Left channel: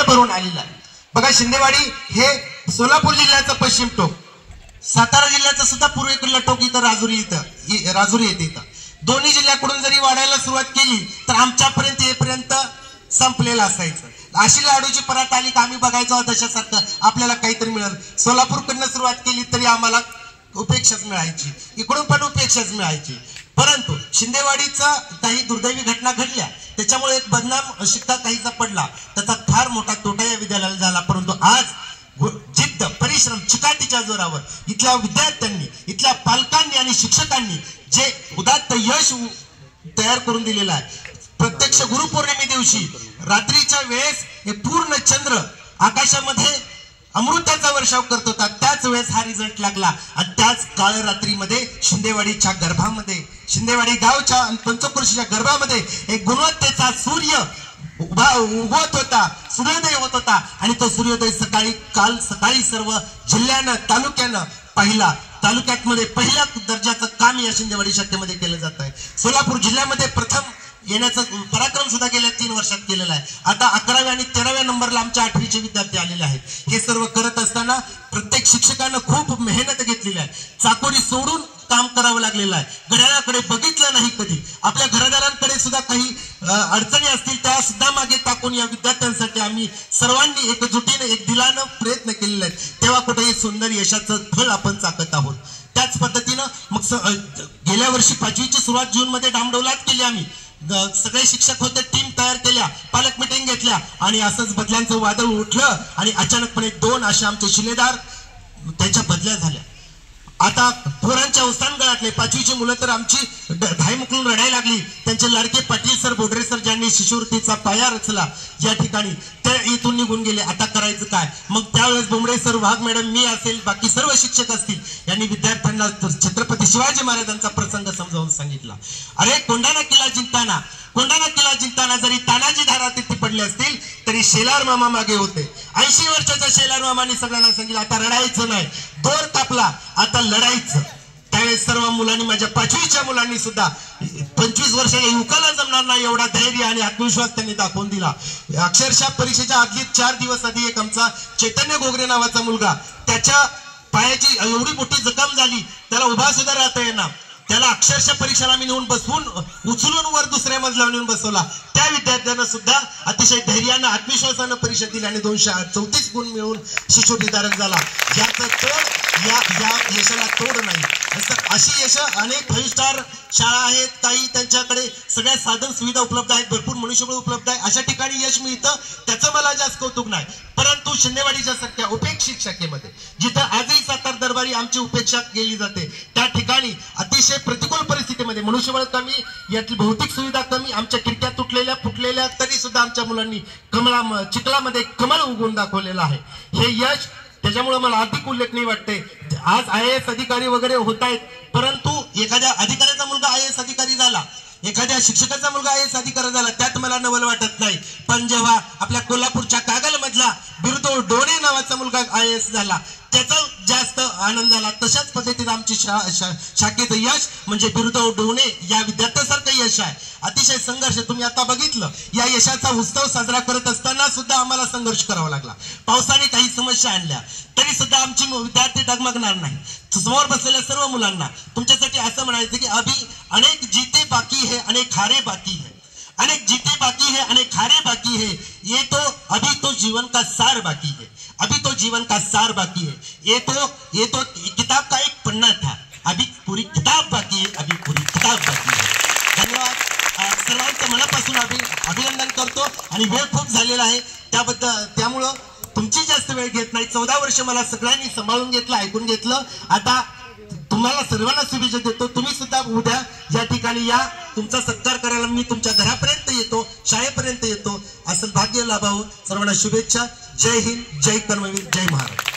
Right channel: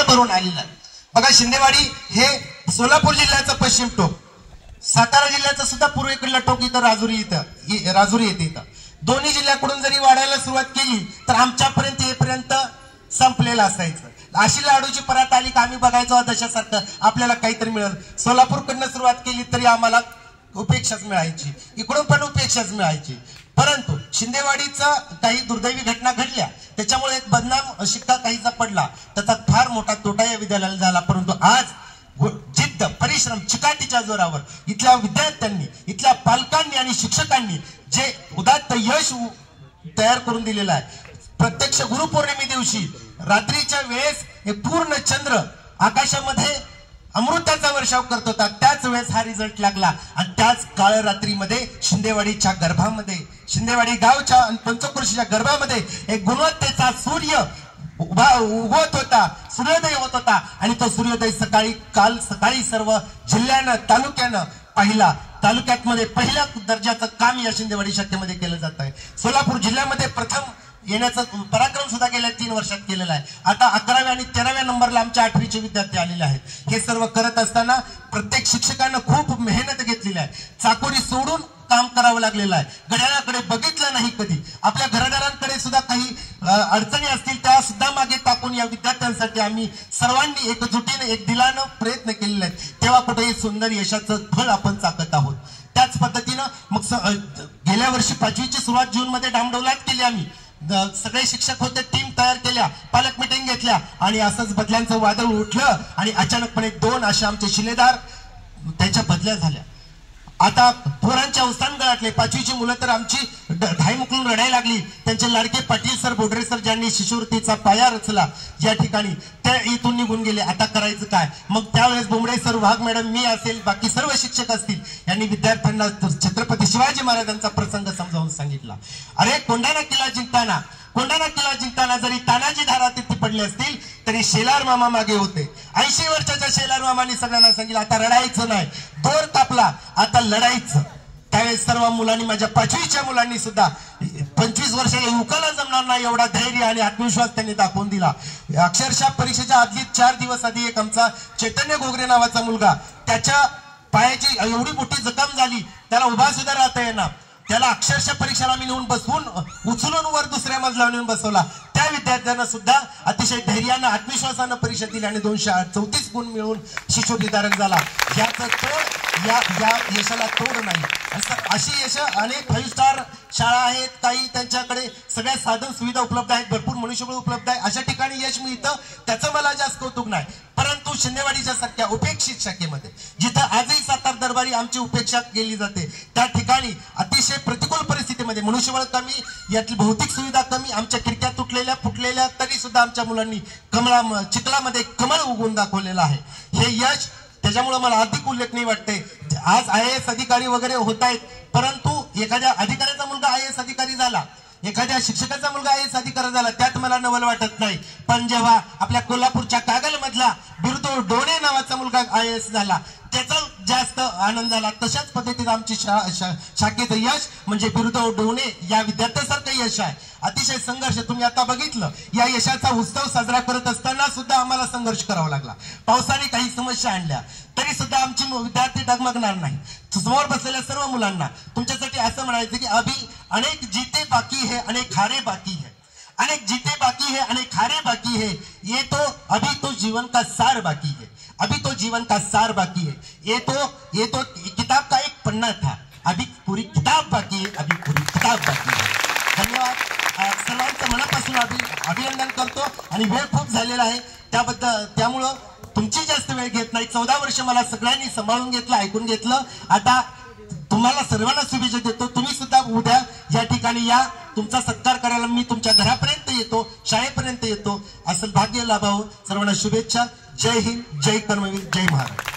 उत्साहाने भरून आलेला आहे। बघा, शिंदेवाडी हे सोलापूर जिल्ह्याचं पश्चिम टोक, सातारा जिल्ह्याचं सुद्धा पूर्वेकडलं टोक इथं राजुरी येते। इथं दोन्ही जिल्ह्याकडून जरी वाढायला सुरुवात केली तर आमच्यापर्यंत येपर्यंत संपलेलं असायचं। अशी लाडूची परात आली का आम्ही बघायचो दशासारखं आपल्याला काहीतरी मिळेल। सोलापूरकडनं सुरुवात केली तरी आम्हाला उपेक्षाच मिळायची, इकडून पण उपेक्षाच मिळायची। परंतु शिंदेवाडीचा काही दुर्दैवी घटना घडल्या, त्याच्यामुळे एक बदनाम शिक्का काहीचा पडला, त्याचा फार मोठा तोटा या विद्यालयाला झाला। परंतु आज जिद्द, परिश्रम, चिकाटीच्या जोरावर इथल्या विद्यार्थ्यांनी, इथल्या पालकांनी आणि शिक्षकांनी जे उदात्त यश तयार करून दिलेलं आहे। प्रत्यक्ष गुरुपौर्णिमे दिवशी रात्रीच्या वेळेस हे पूर्ण चंद्र आकाशामध्ये अमृताचा वर्षाव करत होता, त्याच वेळेस हा रिझल्ट लागला। आणि त्याच काळ रात्रीमध्ये शिंदेवाडीच्या गर्भामध्ये, शिंदेवाडी गावच्या पंचक्रोशीच्या गर्भामध्ये एक गुणवत्तेचा सूर्य उगवत होता, सूर्योदय होत होता। आणि तो सूर्योदय काल सकाळी सर्व जिल्ह्यानं, तालुक्यानं पाहिला। तालुक्यामध्ये पहिल्या दर्जाचं काम या शिंदेवाडी शाखेमध्ये केलं जात आहे। सोलापूर जिल्ह्यामध्ये प्रथम येण्याचा पराक्रम सुद्धा गेल्या 3 वर्षात केलेला आहे। आता 11व्या आणि 13व्या नंबरला आमच्या 8वीचे विद्यार्थी आलेले आहेत। हे सर्व करत असताना प्रत्येक शिक्षकांना खूप मेहनत घेतलेली आहे, चाकोरी सोडून काम करावं लागलेलं आहे। घड्याळाकडे बघितलं नाही कधी, आपल्या घरदारांकडे सुद्धा काही अडचणी असतील त्या सुद्धा मागे टाकून या विद्यार्थ्यांसाठी आम्ही सर्वांनी एकजुटीने, एक दिलानं प्रयत्न केलेले आहेत। तेव्हा कुठेही सुंदर यशाचं फळ आपण चाकत आहोत। त्याच पद्धतीनं मग गेल्या वर्षी 5वीची सुरुवात जूनमध्ये डामडौलात केली आम्ही। सगळे शिक्षक होते, टीम तयार केल्या, पालक मिटिंग घेतल्या आणि असंच बदल्यांचं वादळ उठलं आणि अचानकपणे 2 असे आमचे शिलेदार त्यांच्या बदल्या झाल्या। आता पोरांच्या अवसान गळाटले, 5वीची मुलं तर आमची धाय मुकलून रडायला लागली। त्यांचे लाडके पाटील सर, बोडरे सर ज्यांनी शिष्यवृत्तीचा पाया रचला या ठिकाणी, ते इथून निघून गेले। आता करायचं काय? मग त्यावेळेस बोंबडे सर, वाघ मॅडम, मी असेल, बाकी सर्व शिक्षक असतील, यांनी विद्यार्थ्यांना छत्रपती शिवाजी महाराजांचा प्रसंग समजावून सांगितला। अरे कोंढाणा किल्ला जिंकताना जरी तानाजी धारा तिथे पडले असतील तरी शेलार मामा मागे होते। 80 वर्षाच्या शेलार मामांनी सगळ्यांना सांगितलं आता रडायचं नाही, दोर कापला, आता लढायचं। त्यावेळेस सर्व मुलांनी, माझ्या 5वीच्या मुलांनी सुद्धा 25 वर्षाच्या युवकाला जमणार नाही एवढा धैर्य आणि आत्मविश्वास त्यांनी दाखवून दिला। अक्षरशः परीक्षेच्या आधी 4 दिवस आधी एक आमचा चैतन्य घोगरे नावाचा मुलगा, त्याच्या पायाची एवढी मोठी जखम झाली, त्याला उभा सुद्धा राहता येणार, त्याला अक्षरशः परीक्षेला मी नेऊन बसवून उचलून वर दुसऱ्या मजल्यावर नेऊन बसवला। त्या विद्यार्थ्यांना सुद्धा अतिशय धैर्यानं, आत्मविश्वासानं परीक्षा दिली आणि 234 गुण मिळून शिष्यवृत्तीधारक झाला। या यशाला तोड नाही। अशी यश अनेक 5 स्टार शाळा आहेत, काही त्यांच्याकडे सगळ्या साधन सुविधा उपलब्ध आहेत, भरपूर मनुष्यबळ उपलब्ध आहे, अशा ठिकाणी यश मिळतं, त्याचं मला जास्त कौतुक नाही। परंतु शिंदेवाडीच्या सारख्या उपेक्षित शाखेमध्ये, जिथं आजही सातार दरबारी आमची उपेक्षा केली जाते, त्या ठिकाणी अतिशय प्रतिकूल परिस्थितीमध्ये, मनुष्यबळ कमी, यातली भौतिक सुविधा कमी, आमच्या खिडक्या तुटलेल्या फुटलेल्या, तरी सुद्धा आमच्या मुलांनी चिखलामध्ये कमळ उगवून दाखवलेलं आहे। हे यश, त्याच्यामुळे मला अधिक उल्लेखनीय वाटते। आज IAS अधिकारी वगैरे होत आहेत, परंतु एखाद्या अधिकाऱ्याचा मुलगा IAS अधिकारी झाला, एखाद्या शिक्षकाचा मुलगा IAS अधिकारी झाला, त्यात मला नवल वाटत नाही। पण जेव्हा आपल्या कोल्हापूरच्या कागलमधला बिरुदो डोणे नावाचा मुलगा IAS झाला, त्याचा जास्त आनंद झाला। तशाच पद्धतीत आमची शाखेचं यश म्हणजे बिरुदो डोणे या विद्यार्थ्यासारखं यश आहे। अतिशय संघर्ष, तुम्ही आता बघितलं, या यशाचा उत्सव साजरा करत असताना सुद्धा आम्हाला संघर्ष करावा लागला। पावसाने काही समस्या आणल्या तरी सुद्धा आमची विद्यार्थी डगमगणार नाही। समोर बसलेल्या सर्व मुलांना तुमच्यासाठी असं म्हणायचं की अभी अनेक जीते बाकी है, अनेक हारे बाकी है, अनेक जीते बाकी है, अनेक हारे बाकी है, ये तो अभी तो जीवन का सार बाकी है, अभी तो जीवन का सार बाकी है, ये तो किताब का एक पन्ना था, अभी पूरी किताब बाकी है, अभी पूरी किताब बाकी है। धन्यवाद, सर्वांचं मनापासून अभिनंदन करतो आणि वेळ खूप झालेला आहे, त्यामुळं तुमची जास्त वेळ घेत नाही। 14 वर्ष मला सगळ्यांनी सांभाळून घेतलं, ऐकून घेतलं। आता तुम्हाला सर्वांना शुभेच्छा देतो। तुम्ही सुद्धा उद्या या ठिकाणी या, तुमचा सत्कार करायला मी तुमच्या घरापर्यंत येतो, शाळेपर्यंत येतो, असं भाग्य लाभावं। सर्वांना शुभेच्छा। जय हिंद, जय कर्मवीर, जय महाराज।